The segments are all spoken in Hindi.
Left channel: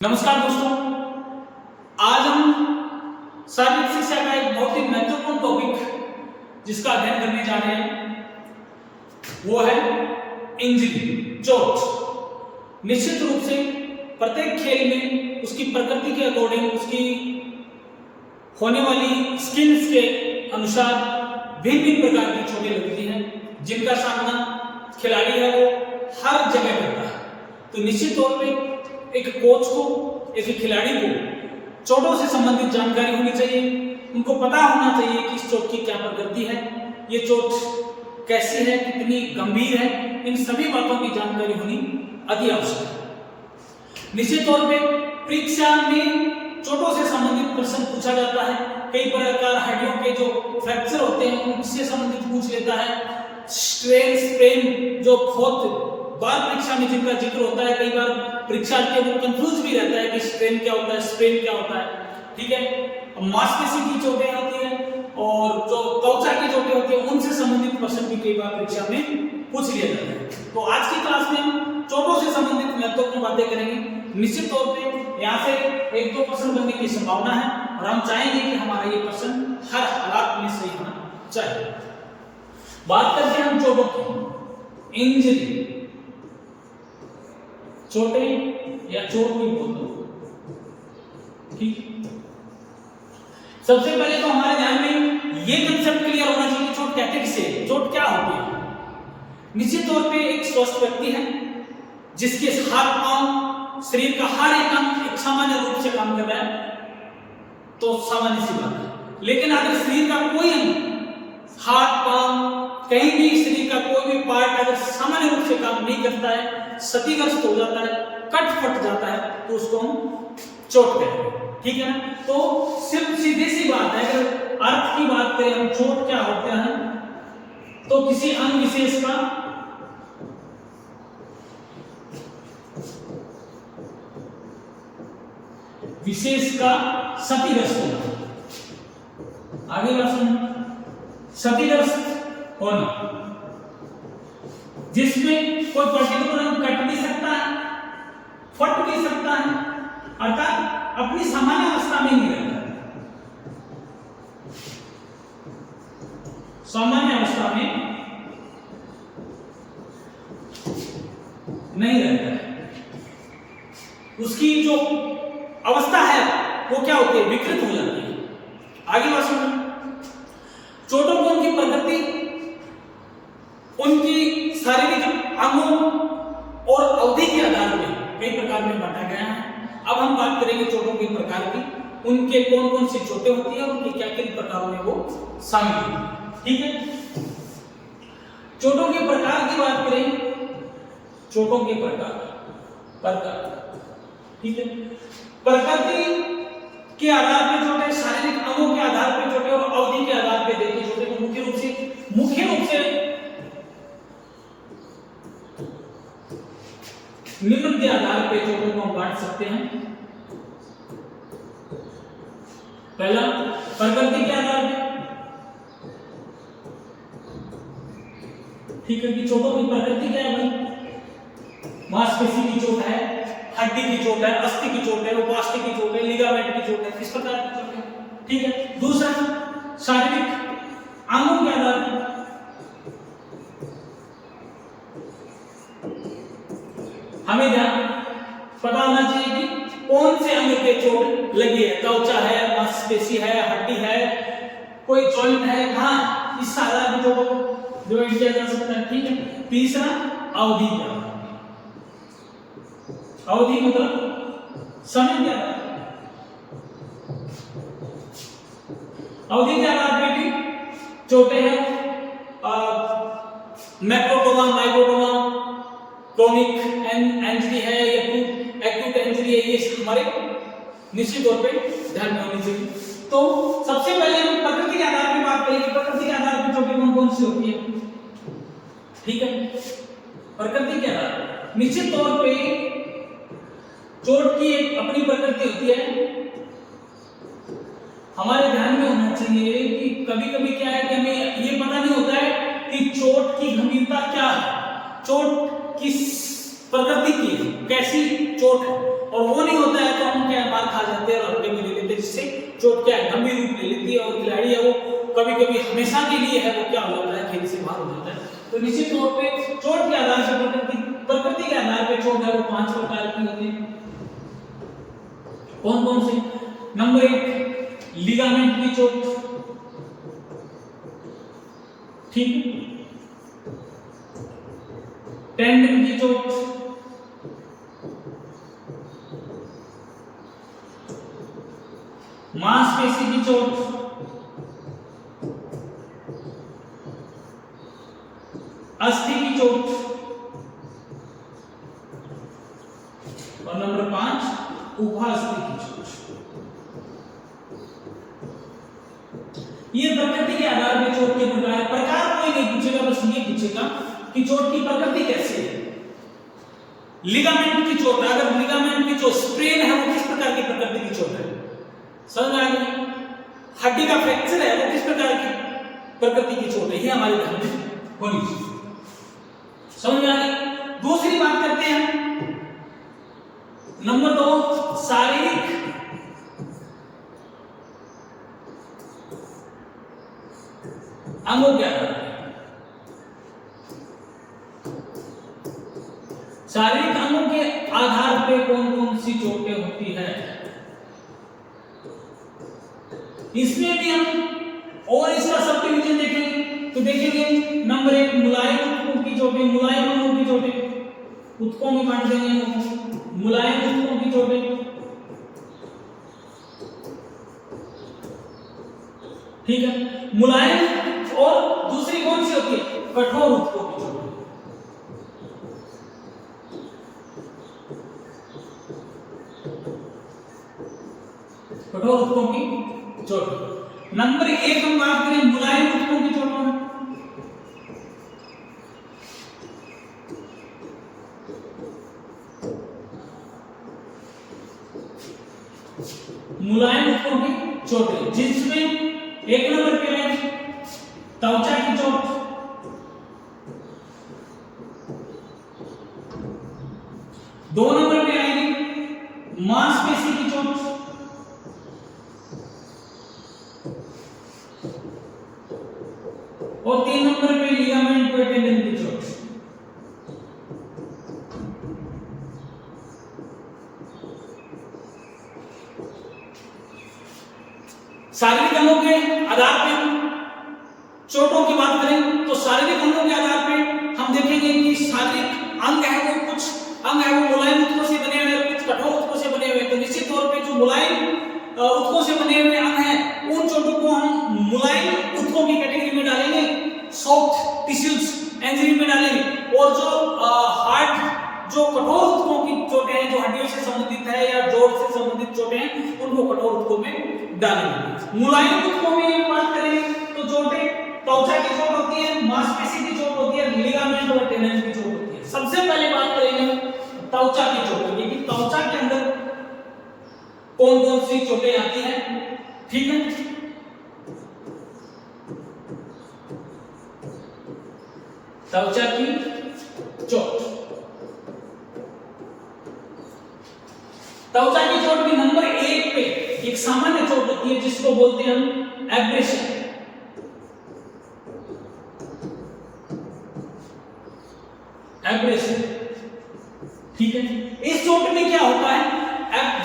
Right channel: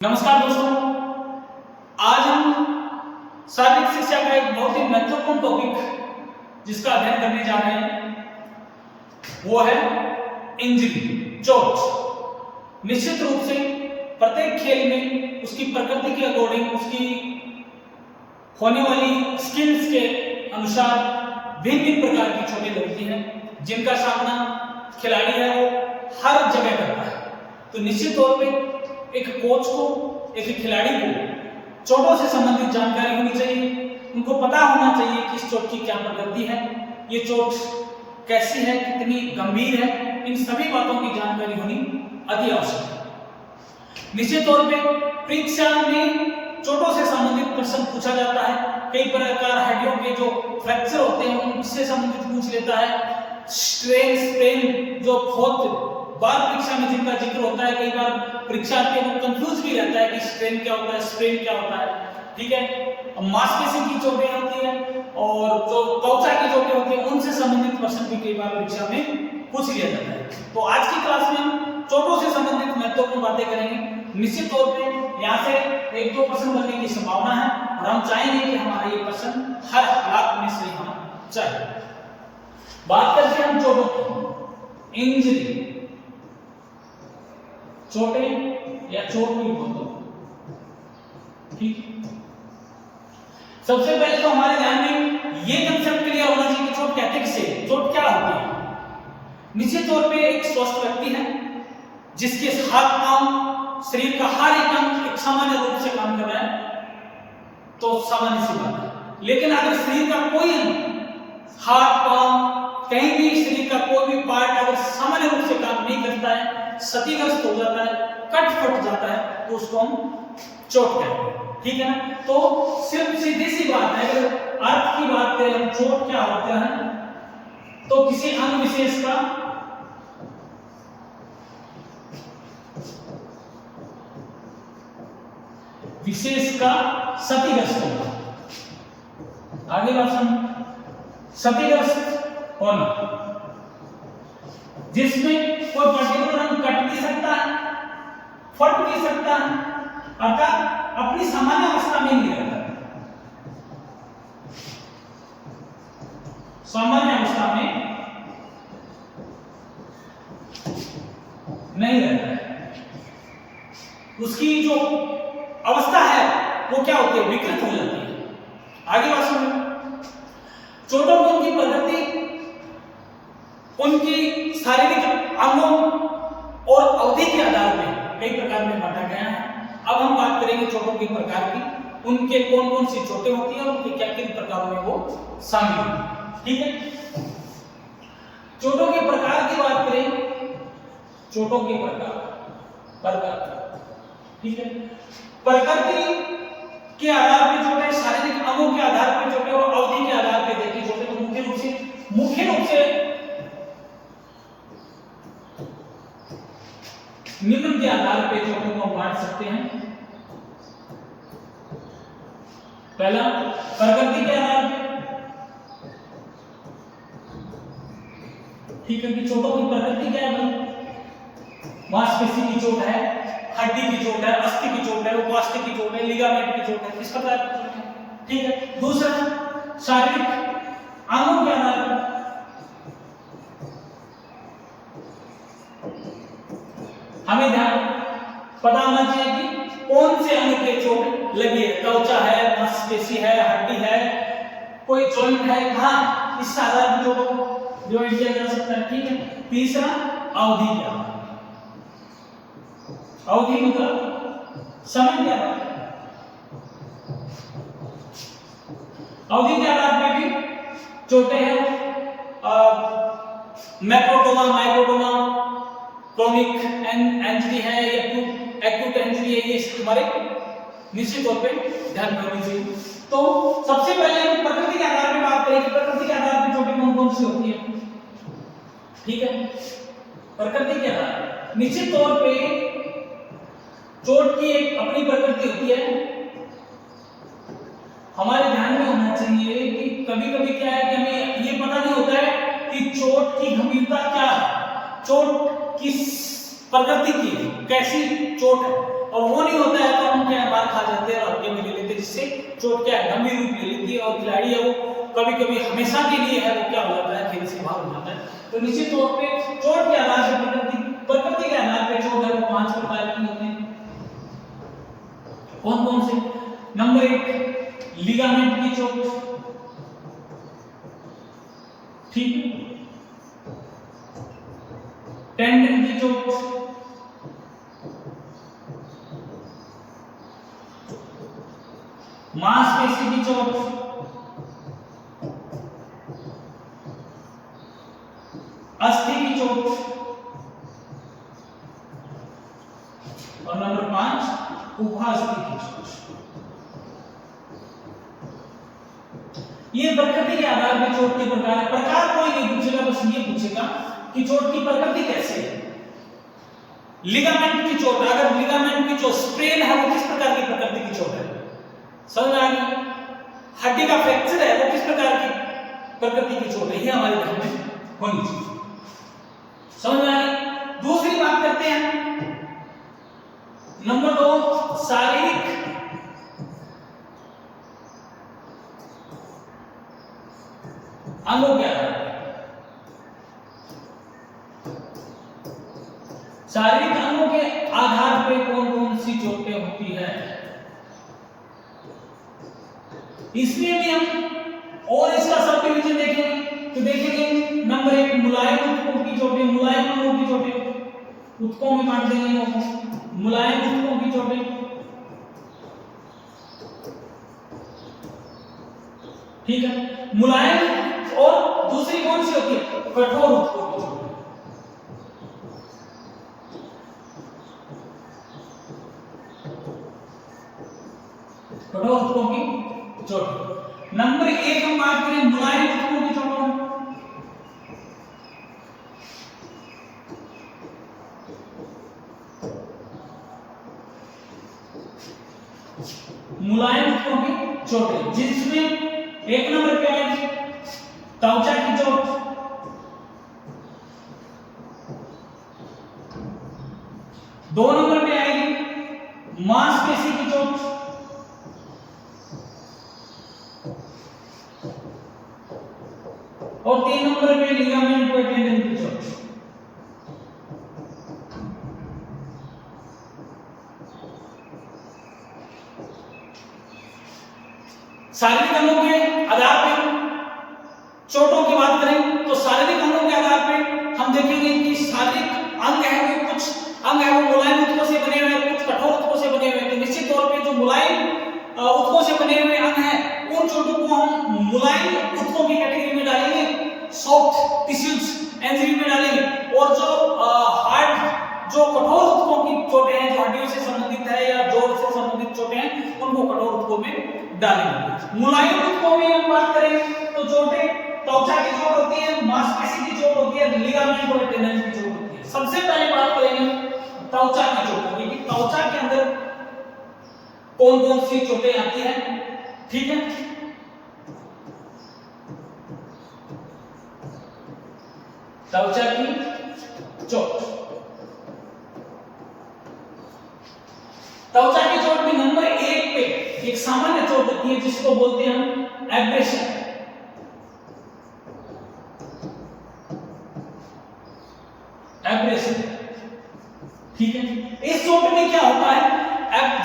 नमस्कार दोस्तों, आज हम शारीरिक शिक्षा का एक बहुत ही महत्वपूर्ण टॉपिक जिसका अध्ययन करने जा रहे हैं वो है इंजरी, चोट। निश्चित रूप से प्रत्येक खेल में उसकी प्रकृति के अकॉर्डिंग, उसकी होने वाली स्किल्स के अनुसार भिन्न भिन्न प्रकार की चोटें लगती हैं जिनका सामना खिलाड़ी है वो हर जगह करता है। तो निश्चित तौर पे एक कोच को, एक खिलाड़ी को चोटों से संबंधित जानकारी होनी चाहिए। उनको पता होना चाहिए कि इस चोट की क्या प्रकृति है, ये चोट कैसी है, कितनी गंभीर है, इन सभी बातों की जानकारी होनी अति आवश्यक है। निश्चित तौर पे परीक्षा में चोटों से संबंधित प्रश्न पूछा जाता है। कई प्रकार हड्डियों के जो फ्रैक्चर होते हैं उनसे संबंधित पूछ लेता है। स्ट्रेन, स्ट्रेन जो बहुत बार परीक्षा में जिनका जिक्र होता है, कई बार परीक्षार्थी को कंफ्यूज भी रहता है कि स्ट्रेन क्या होता है, स्ट्रेन क्या होता है। ठीक है, मांसपेशी की चोटें होती है और जो त्वचा की चोटें होती है उनसे संबंधित प्रश्न भी कई बार परीक्षा में पूछ लिया जाता है। तो आज की क्लास में हम चोटों से संबंधित महत्वपूर्ण बातें करेंगे। निश्चित तौर पे यहाँ से एक दो प्रश्न बनने की संभावना है और हम चाहेंगे कि हमारा ये प्रश्न हर हालात में सही होना चाहिए। बात करते हैं हम चोटों की, इंजरी, चोटें या चोट भी बोल दो। ठीक, सबसे पहले तो हमारे ध्यान में ये कंसेप्ट क्लियर होना चाहिए कि चोट कहते किसे, चोट क्या होती है। निश्चित तौर पे एक स्वस्थ व्यक्ति है जिसके हाथ पांव, शरीर का हर एक अंग एक सामान्य रूप से काम कर रहा है तो सामान्य सी बात है। लेकिन अगर शरीर का कोई अंग, हाथ पांव, कहीं भी शरीर का कोई भी पार्ट अगर सामान्य रूप से काम नहीं करता है, क्षतिग्रस्त हो जाता है, कट फट जाता है, तो उसको हम चोट कहते हैं। ठीक है ना। तो सिर्फ सीधी सी बात है, अगर अर्थ की बात करें हम चोट क्या होता है तो किसी अंग विशेष का क्षतिग्रस्त होना। आगे बात सुन, क्षतिग्रस्त होना जिसमें कोई पर्टिकुलर अंग कट भी सकता है, फट भी सकता है, अर्थात अपनी सामान्य अवस्था में नहीं रहता है, सामान्य अवस्था में नहीं रहता है। उसकी जो अवस्था है वो क्या होती है, विकृत हो जाती है। आगे बात सुनो, चोटों की उनकी प्रकृति, उनकी शारीरिक अंगों और अवधि के आधार पर कई प्रकार में बांटा गया है। अब हम बात करेंगे चोटों के प्रकार की, उनके कौन कौन सी चोटें होती हैं, उनके क्या किन प्रकारों में वो शामिल होती है। ठीक है, चोटों के प्रकार की बात करें, चोटों के प्रकार, ठीक है, प्रकृति के आधार पर चोटें, शारीरिक अंगों के आधार पर चोटें और अवधि के आधार पर देखिए चोटें तो मुख्य रूप से निम्न के आधार पर चोटों को हम बांट सकते हैं। पहला, प्रकृति के आधार पर, ठीक है, कि चोटों की प्रकृति क्या है, मांसपेशी की चोट है, हड्डी की चोट है, अस्थि की चोट है, उपास्थि की चोट है, लिगामेंट की चोट है, किस प्रकार की चोट है। ठीक है, दूसरा, शारीरिक अंगों के आधार पर, हमें ध्यान पता होना चाहिए कि कौन से अंग के चोट लगी है, त्वचा है, मांसपेशी है, हड्डी है, कोई जॉइंट है, कहां, इस आधार पर जो किया जा सकता है। ठीक है, तीसरा, अवधि क्या, अवधि मतलब समय क्या, अवधि के आधार पर भी चोटें हैं, मैक्रोटोमा, माइक्रोटोमा, क्रोनिक इंजरी है या एक्यूट इंजरी है, ये हमारे निश्चित तौर पे ध्यान में होनी चाहिए। तो सबसे पहले प्रकृति के आधार पर बात करेंगे, प्रकृति के आधार पर चोटें कौन कौन सी होती है। ठीक है, प्रकृति के आधार पर निश्चित तौर पे चोट की एक अपनी प्रकृति होती है। हमारे ध्यान में होना चाहिए कि कभी कभी क्या है कि हमें ये पता नहीं होता है कि चोट की गंभीरता क्या है, चोट किस प्रकृति की है, कैसी चोट है। और वो नहीं होता है तो हम क्या मार खा जाते हैं और हल्के में ले लेते हैं, जिससे चोट क्या है गंभीर रूप ले लेती है और खिलाड़ी है वो कभी कभी हमेशा के लिए है वो क्या हो जाता है खेल से बाहर हो जाता है। तो निश्चित तौर पे चोट के आधार से प्रकृति के आधार पे चोट है वो 5 प्रकार की होती है। कौन कौन से? नंबर 1 लिगामेंट की चोट, ठीक, टेंडन की चोट, मांसपेशी की चोट, अस्थि की चोट और नंबर 5 उपास्थि की चोट। ये प्रकृति के आधार पर चोट के प्रकार कोई नहीं पूछेगा, बस ये पूछेगा कि चोट की प्रकृति कैसे है। लिगामेंट की चोट, अगर लिगामेंट की जो स्प्रेन है वो किस प्रकार की प्रकृति की चोट है, समझ में आ गई? हड्डी का फ्रैक्चर है वो किस प्रकार की प्रकृति की चोट है, ये हमारे ध्यान में होनी चाहिए, समझ में आ गई? दूसरी बात करते हैं नंबर 2 शारीरिक अंगों के आधार पर। शारीरिक अंगों के आधार पे कौन कौन सी चोटें होती है, इसमें भी हम और इसका सब डिवीजन देखेंगे तो देखेंगे नंबर 1 मुलायम ऊतकों की चोटें, मुलायम अंगों की चोटें, ऊतकों में बांट देंगे इनको, मुलायम ऊतकों की चोटें, ठीक है। मुलायम और दूसरी कौन सी होती है, कठोर ऊतकों की चोटें। कठोर ऊतकों की चोट। नंबर 1 हम बात करें मुलायम ऊतकों की चोटों में। मुलायम ऊतकों की चोटें जिसमें 1 नंबर पे आएगी त्वचा की चोट, 2 नंबर पे आएगी मांसपेशी की चोट, और 3 नंबर पे लिगामेंट और टेंडन की चोट। शारीरिक अंगों के आधार पे चोटों की बात करें तो शारीरिक अंगों के आधार पे हम देखेंगे कि शारीरिक अंग है वो कुछ अंग है वो मुलायम ऊतकों से बने हुए हैं, कुछ कठोर ऊतकों से बने हुए हैं। तो निश्चित तौर पे जो मुलायम ऊतकों से बने हुए अंग हैं उन चोटों को हम मुलायम ऊतकों की कैटेगरी में डालेंगे, सॉफ्ट टिश्यूज एंजियो में डालेंगे, और जो हार्ड जो कठोर ऊतकों की चोटें हैं जो हड्डियों से संबंधित है या जोड़ से संबंधित चोटें हैं उनको कठोर ऊतकों में डालेंगे। मुलायम ऊतकों में हम बात करें तो चोटें त्वचा की चोट होती है, मांसपेशी की चोट होती है, लिगामेंट और टेंडन की चोट होती है। सबसे पहले बात करेंगे त्वचा की चोट होगी कि त्वचा के अंदर कौन कौन सी चोटें आती हैं, ठीक है। त्वचा की चोट, त्वचा की चोट भी नंबर 1 पे एक सामान्य चोट होती है जिसको बोलते हैं हम एब्रेशन। एब्रेशन, ठीक है। इस चोट में क्या होता है,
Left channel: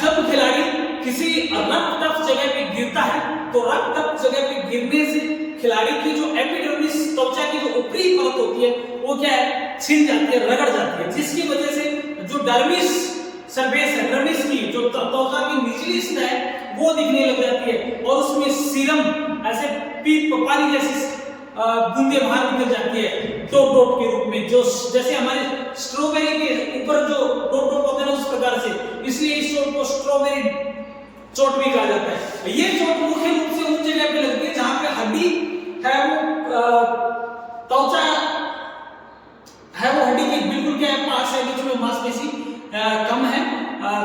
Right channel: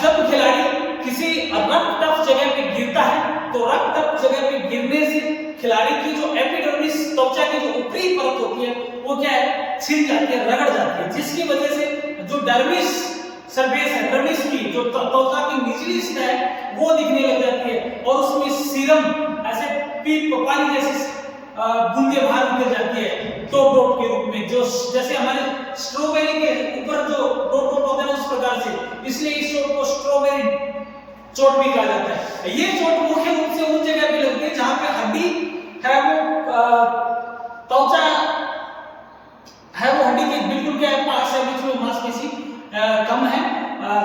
जब खिलाड़ी किसी रक्त टफ जगह पे गिरता है तो रक्त टफ जगह पे गिरने से खिलाड़ी की जो एपिडर्मिस त्वचा की जो ऊपरी परत होती है वो क्या है, छिल जाती है, रगड़ जाती है, जिसकी वजह से जो डर्मिस सरफेस है, डर्मिस की जो त्वचा की निचली सतह है वो दिखने लग जाती है और उसमें सीरम ऐसे पीप पानी जैसी बूंदे बाहर निकल जाती है डॉट डॉट के रूप में, जो जैसे हमारे स्ट्रॉबेरी के ऊपर जो डॉट डॉट होते हैं उस प्रकार से, इसलिए इस चोट को स्ट्रॉबेरी चोट भी कहा जाता है। ये चोट मुख्य रूप से उन जगह पे लगती है जहां पे हड्डी है वो त्वचा है वो हड्डी के बिल्कुल क्या पास है, बीच में मांसपेशी कम है,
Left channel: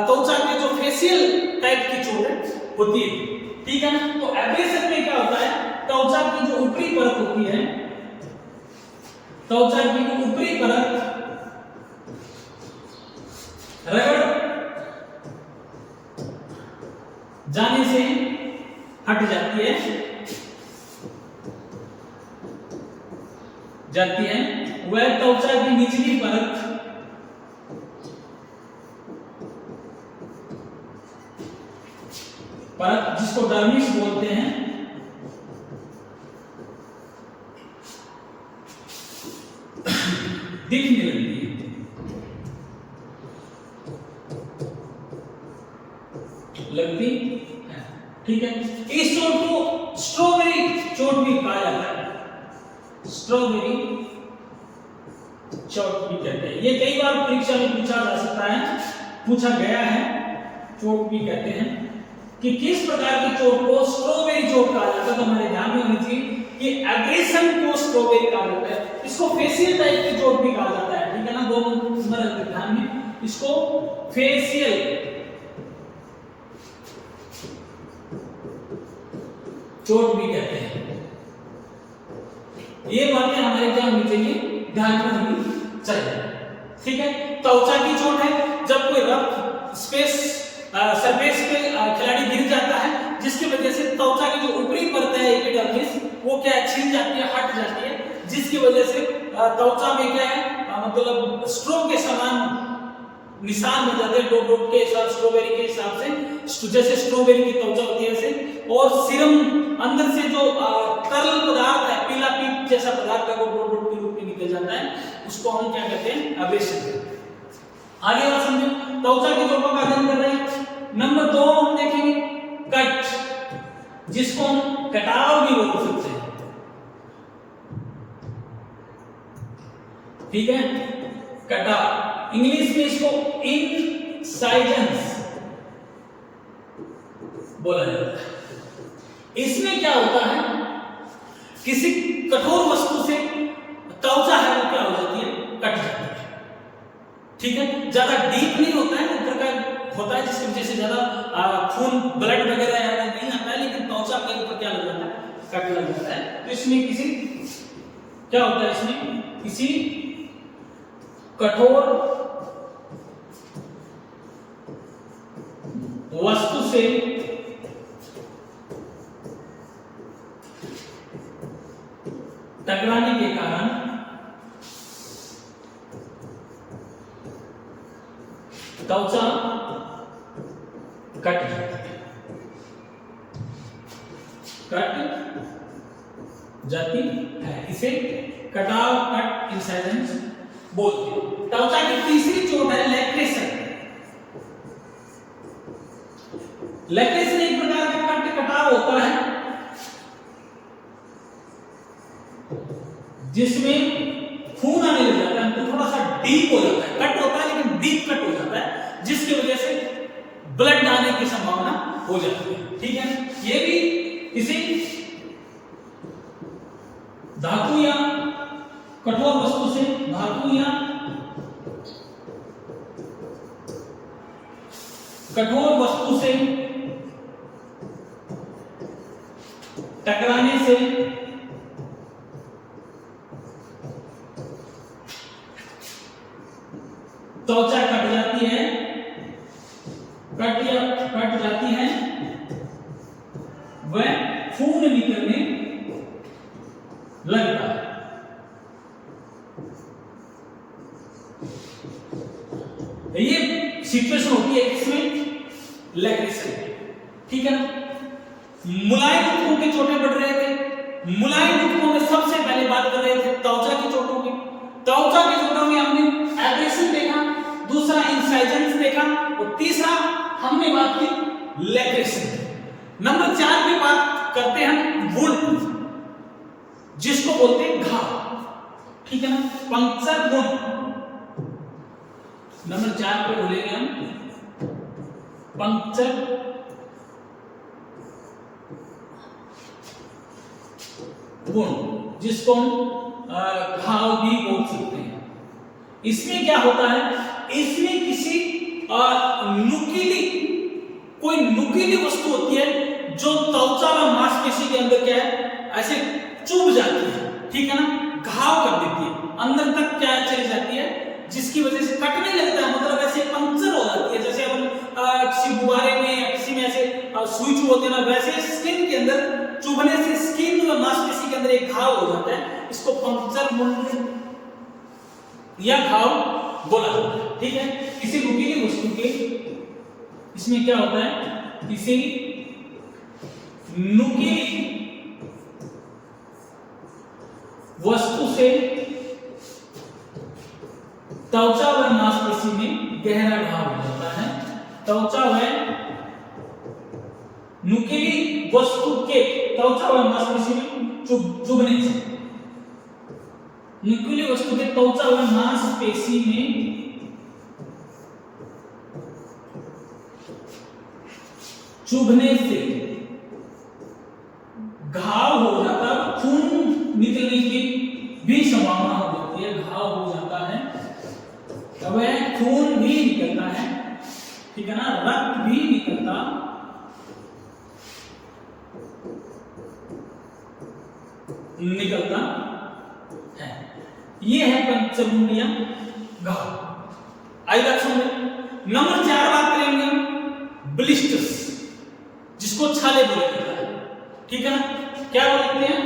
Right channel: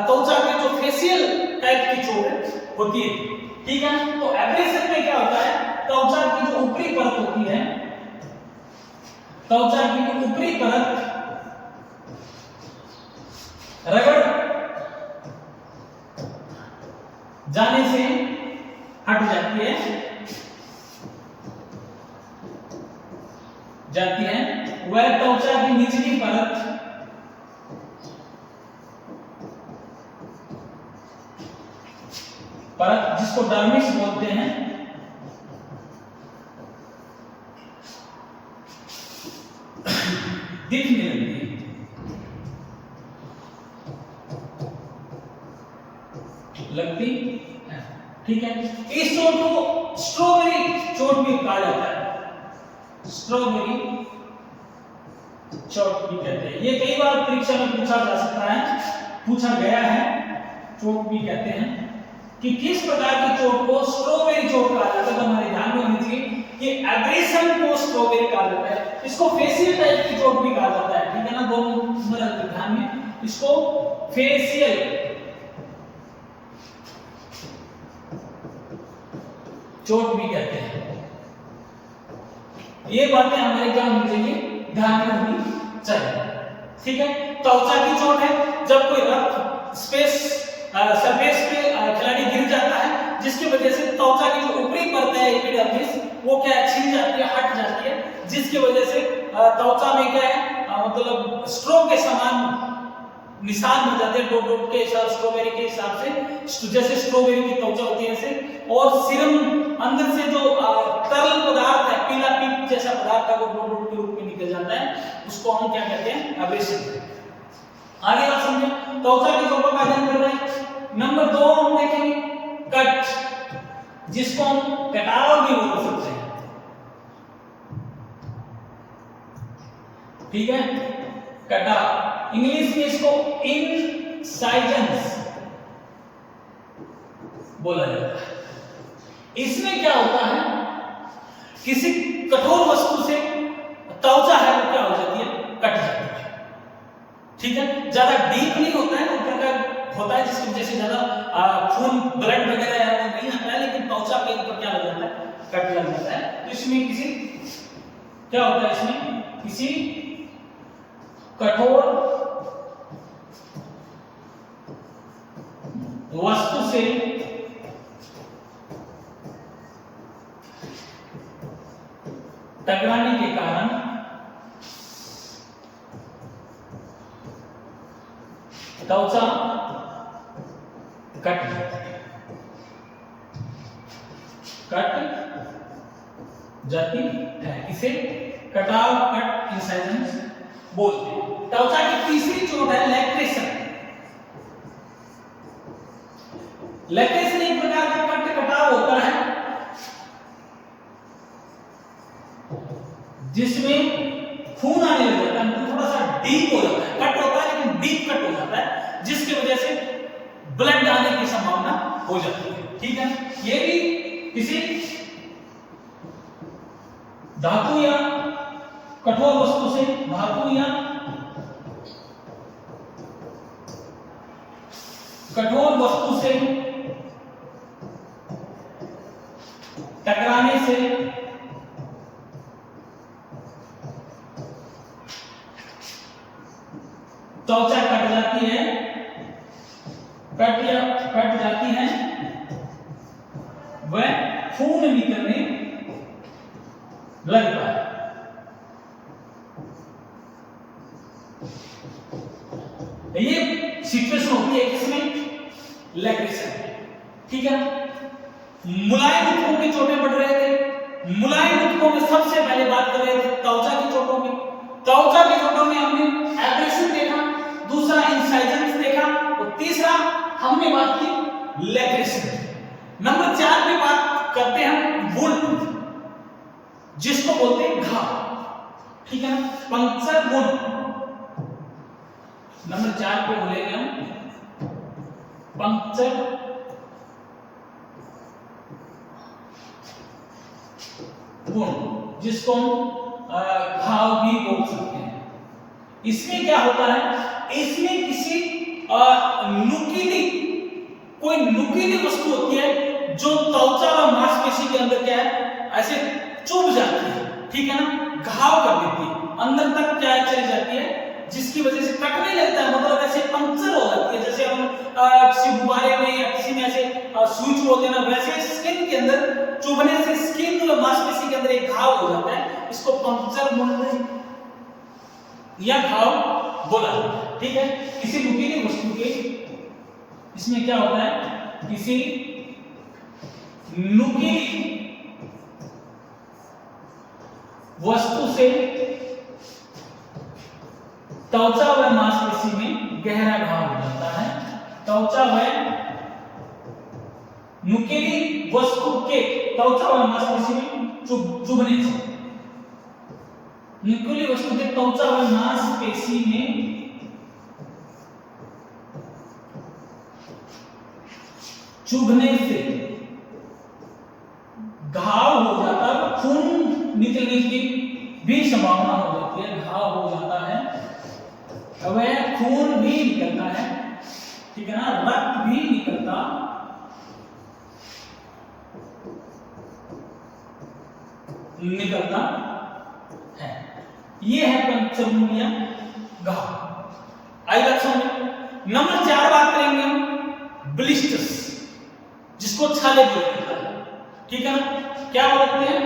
त्वचा पे जो फेशियल टाइप की चोट होती है, ठीक है। तो एब्रेशन में क्या होता है, त्वचा की जो ऊपरी परत होती है, त्वचा की जो ऊपरी परत जाने से हट जाती है वह त्वचा की निचली परत जिसको डर्मिस बोलते हैं, दिखने लगती है। ठीक है, इस चोट को स्ट्रॉबेरी चोट भी कहा जाता है, स्ट्रॉबेरी चोट भी कहते हैं। ये कई बार परीक्षा में पूछा जा सकता है, पूछा गया है। चोट भी कहते हैं कि किस प्रकार की चोट को स्ट्रॉबेरी चोट कहा जाता है। तो हमारे ध्यान में होनी चाहिए कि एग्रेशन को स्ट्रॉबेरी कहा जाता है, इसको फेशियल टाइप की चोट भी कहा जाता है। ठीक है ना, दोनों नंबर ध्यान में, इसको फेशियल चोट भी कहते हैं। ये बातें हमारे क्या होनी चाहिए, ध्यान में होनी चाहिए। ठीक है, त्वचा की चोट है जब कोई रफ स्पेस सरफेस पे खिलाड़ी गिर जाता है, जिसकी वजह से त्वचा की जो ऊपरी परत है एपिडर्मिस वो क्या है, छिल जाती है, हट जाती है, जिसकी वजह से त्वचा में क्या है, मतलब स्ट्रोक के समान निशान बन जाते हैं, डॉट डॉट के हिसाब, स्ट्रॉबेरी के हिसाब से, जैसे स्ट्रॉबेरी की त्वचा होती है ऐसे। और सीरम अंदर से जो तरल पदार्थ है, पीला पीप जैसा पदार्थ है, वो डॉट डॉट के रूप में निकल जाता है, उसको हम क्या कहते हैं, एब्रेशन। आगे और समझे, त्वचा की चोटों का अध्ययन कर रहे हैं। नंबर 2 हम देखेंगे कट, जिसको हम कटाव भी बोल सकते हैं। ठीक है, कटाव, इंग्लिश में इसको इंसाइजन्स बोला जाता है। इसमें क्या होता है, किसी कठोर वस्तु से त्वचा है वो क्या हो जाती है, कट जाती है। ठीक है, ज्यादा डीप नहीं होता है, ऊपर का होता है, जिसकी वजह से ज्यादा खून ब्लड वगैरह है वो नहीं आता है, लेकिन त्वचा के ऊपर क्या लग जाता है, कट लग जाता है। तो इसमें किसी क्या होता है, इसमें किसी कठोर वस्तु से टकराने के कारण त्वचा कट जाती है, इसे कटाव, कट, इंसाइजन्स बोलते हैं। त्वचा की तीसरी चोट है लैक्रेशन। लैक्रेशन एक प्रकार का कट कटाव होता है जिसमें खून आने लग जाता है, तो थोड़ा सा डीप हो जाता है, कट होता है लेकिन डीप कट हो जाता है, जिसकी वजह से ब्लड आने की संभावना हो जाती है। ठीक है, ये भी किसी धातु या कठोर वस्तु से, धातु या कठोर वस्तु से टकराने से त्वचा कट जाती है, कट जाती है, वह खून निकलने लगता है। ये सिचुएशन होती है इसमें लैक्रेशन। ठीक है ना, मुलायम ऊतकों की चोटें बढ़ रहे थे। मुलायम ऊतकों में सबसे पहले बात कर रहे थे त्वचा की चोटों की। त्वचा की चोटों में हमने एब्रेशन देखा, दूसरा इंसाइजन्स देखा, और तीसरा हमने बात की लैक्रेशन। नंबर 4 पे बात करते हैं वुंड, जिसको बोलते हैं घाव। ठीक है ना, पंक्चर वुंड। नंबर 4 पे बोलेंगे हम पंक्चर वुंड, जिसको हम घाव भी बोल सकते हैं। इसमें क्या होता है, इसमें किसी कोई नुकीली वस्तु होती है जो त्वचा व मांसपेशी के अंदर क्या है, ऐसे चुभ जाती है। ठीक है ना, घाव कर देती है, अंदर तक क्या चली जाती है, जिसकी वजह से कटने लगता है, मतलब ऐसे पंक्चर हो जाती है। जैसे हम किसी गुब्बारे में या किसी में ऐसे सुई चुभते हैं ना, वैसे स्किन के अंदर चुभने से स्किन और मांसपेशी के अंदर एक घाव हो जाता है, इसको पंक्चर वुंड या घाव बोला जाता है। ठीक है, किसी नुकीली वस्तु के, इसमें क्या होता है, किसी नुकीली वस्तु से त्वचा व मांसपेशी में गहरा घाव हो जाता है। त्वचा व नुकीली वस्तु के त्वचा व मांसपेशी में चुभने से, नुकीली वस्तु के त्वचा व मांसपेशी में चुभने से घाव हो जाता है, खून निकलने की भी संभावना हो जाती है। घाव हो जाता है, अब खून भी निकलता है, ठीक है ना, रक्त भी निकलता है। ये है पंचमुंडिया घाव। आइए समझ। नंबर 4 बात करेंगे हम ब्लिस्टर्स, जिसको छाले बोलते हैं, ठीक है ना, क्या बोलते हैं,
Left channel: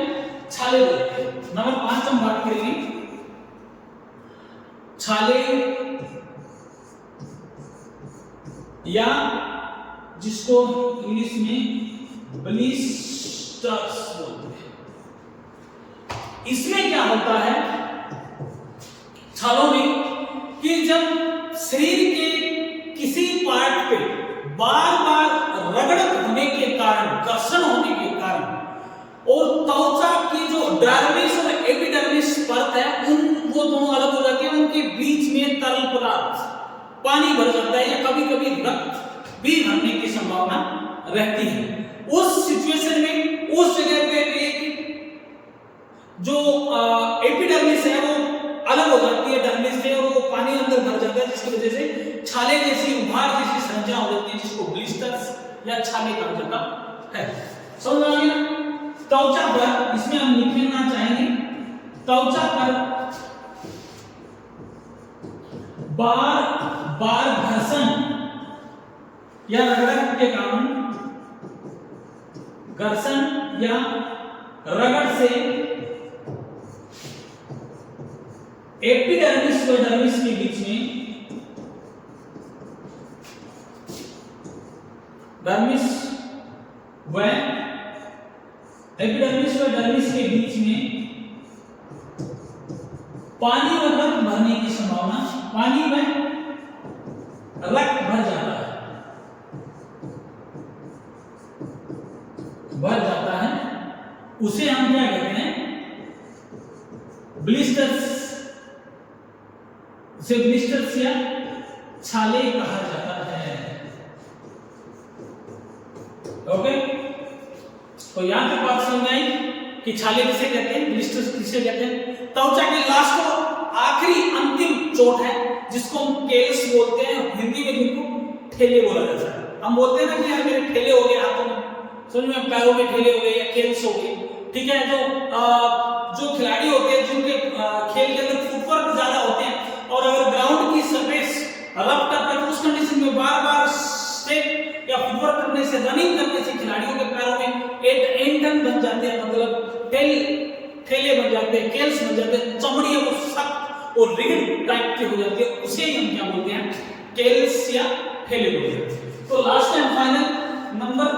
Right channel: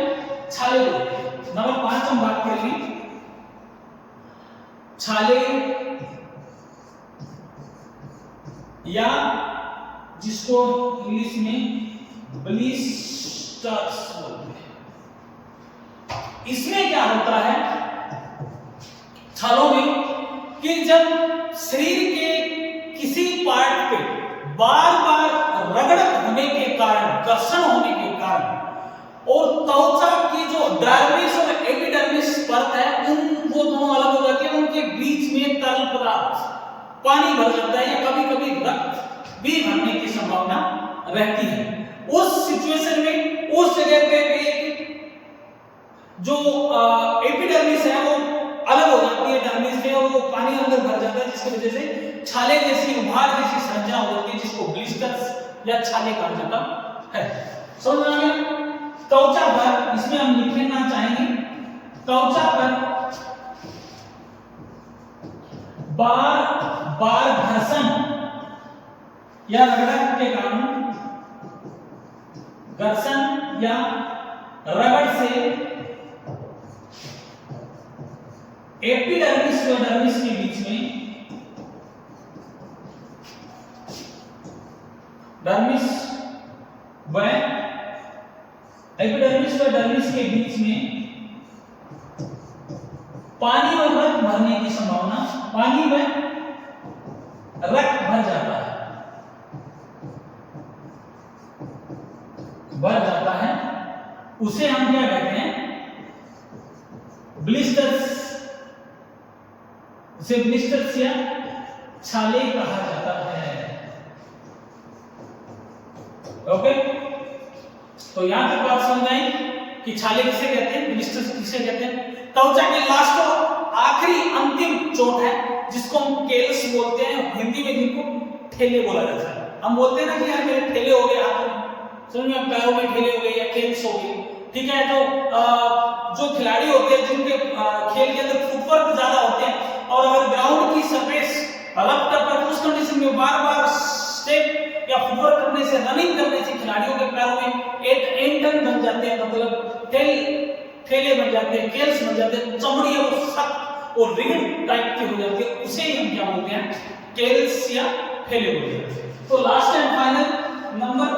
छाले बोलते हैं। नंबर 5 हम बात करेंगे छाले, या जिसको इंग्लिश में ब्लिस्टर्स बोलते हैं। इसमें क्या होता है छालों में, कि जब शरीर के किसी पार्ट पे बार बार रगड़त होने के कारण, घर्षण होने के कारण, और त्वचा की जो डर्मिस और एपिडर्मिस परत है, वो दोनों अलग हो जाती है, उनके बीच में तरल पदार्थ पानी भर जाता है, या कभी कभी रक्त भी भरने की संभावना रहती है। उस सिचुएशन में उस जगह पे जो एपिडर्मिस है वो अलग हो जाती है डर्मिस से, और वो पानी अंदर भर जाता है, जिसकी वजह से छाले जैसी, उभार जैसी संरचना हो जाती है, जिसको ब्लिस्टर्स या छाले कहा जाता है। समझ में आ गया? त्वचा पर, इसमें हम लिखना चाहेंगे, त्वचा पर बार बार घर्षण या रगड़ के कारण, घर्षण या रगड़ से एपिडर्मिस व डर्मिस के बीच में, डर्मिस व एपिडर्मिस व डर्मिस के बीच में पानी और रक्त भरने की संभावना, पानी व रक्त भर जाता है, उसे हम क्या कहते हैं, ब्लिस्टर्स, उसे ब्लिस्टर्स या छाले कहा जाता है। ओके, तो यहां की बात समझ आई कि छाले किसे कहते हैं, ब्लिस्टर्स किसे कहते हैं। त्वचा के लास्ट और आखिरी अंतिम चोट है, जिसको हम केल्स बोलते हैं, हिंदी में जिनको ठेले बोला जाता है। हम बोलते हैं ना कि यार मेरे ठेले हो गए हाथों में, समझ में, पैरों में ठेले हो गए या केल्स हो गए, ठीक है। जो खिलाड़ी होते हैं, जिनके खेल के अंदर फुटवर्क ज्यादा होते हैं, और अगर ग्राउंड की सरफेस रफ टफ है, तो उस कंडीशन में बार बार स्टेप या फुटवर्क करने से, रनिंग करने से खिलाड़ियों के पैरों में एंडन बन जाते हैं, मतलब ठेले बन जाते हैं, केल्स बन जाते हैं, चमड़ी वो सख्त और रिगिड टाइप की हो जाती है, उसे ही हम क्या बोलते हैं, केल्स या ठेले बोलते हैं। तो लास्ट एंड फाइनल नंबर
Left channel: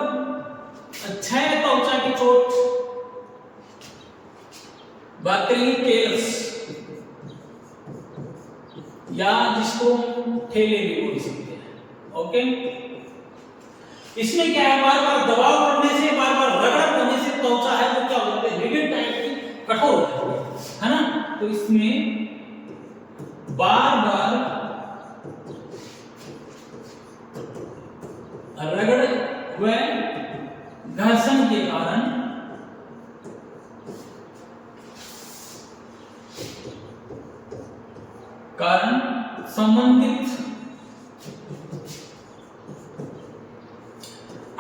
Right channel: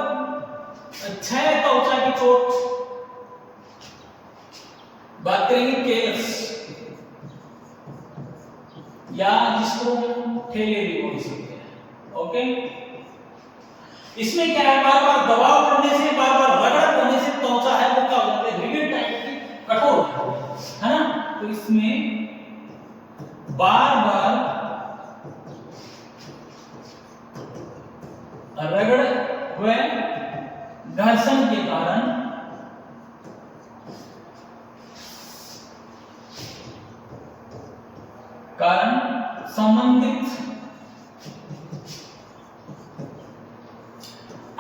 6 त्वचा की चोट बात करेंगे, केल्स, या जिसको ठेले भी बोल सकते हैं। ओके, इसमें क्या है, बार बार दबाव पड़ने से, बार बार रगड़ करने से त्वचा है वो क्या हो जाती है, रिगिड टाइप की, कठोर हो जाती है ना। तो इसमें बार बार रगड़ व घर्षण के कारण संबंधित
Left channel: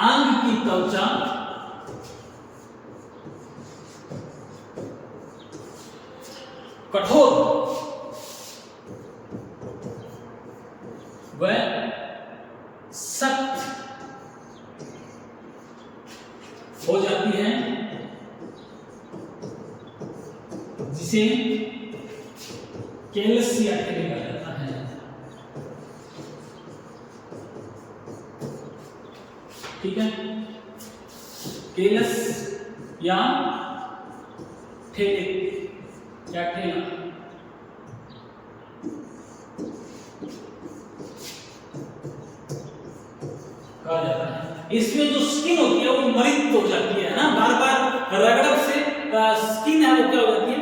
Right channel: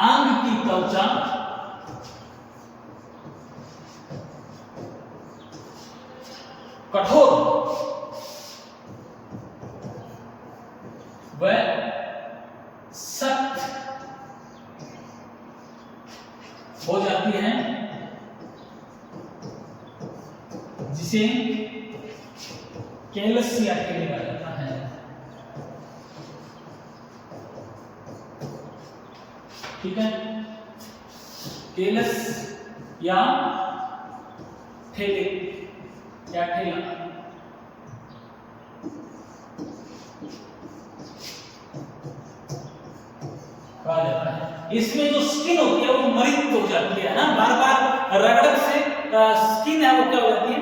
अंग की त्वचा कठोर व सख्त हो जाती है, जिसे केलस या टेली कहा जाता है। ठीक है, केलस या ठेले या ठेला। कहा जाता है। इसमें जो स्किन होती है वो मृत हो जाती है ना, बार बार रगड़ने से स्किन है वो क्या हो जाती है,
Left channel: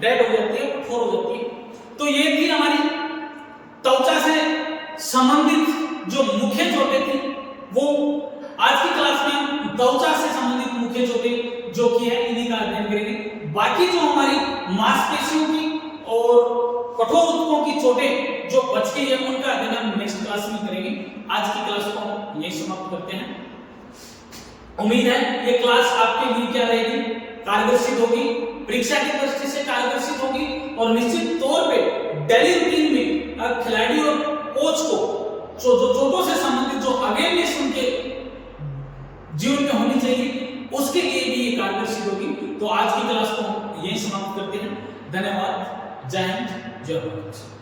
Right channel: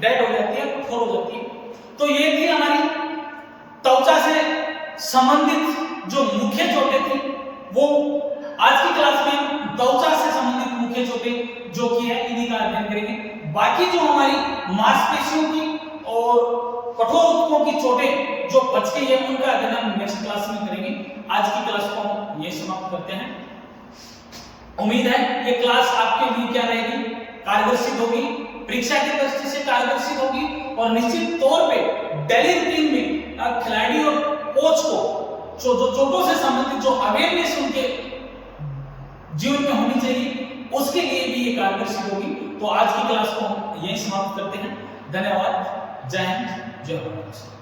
डेड हो जाती है, कठोर हो जाती है। तो ये थी हमारी त्वचा से संबंधित जो मुख्य चोटें थी, वो आज की क्लास में हम त्वचा से संबंधित मुख्य चोटें जो की है इन्हीं का अध्ययन करेंगे। बाकी जो हमारी मांसपेशियों की और कठोर ऊतकों की चोटें जो बच गई है उनका अध्ययन हम नेक्स्ट क्लास में करेंगे। आज की क्लास को हम यही समाप्त करते हैं। उम्मीद है ये क्लास आपके लिए क्या रहेगी, कारगर सिद्ध होगी, परीक्षा की दृष्टि से कारगर सिद्ध होगी और निश्चित तौर पे डेली रूटीन में खिलाड़ी और कोच को जो चोटों से संबंधित जो अवेयरनेस उनके जीवन में होनी चाहिए उसके लिए भी ये कारगर सिद्ध होगी। तो आज की क्लास को हम यही समाप्त करते हैं। धन्यवाद। जय हिंद, जय भारत।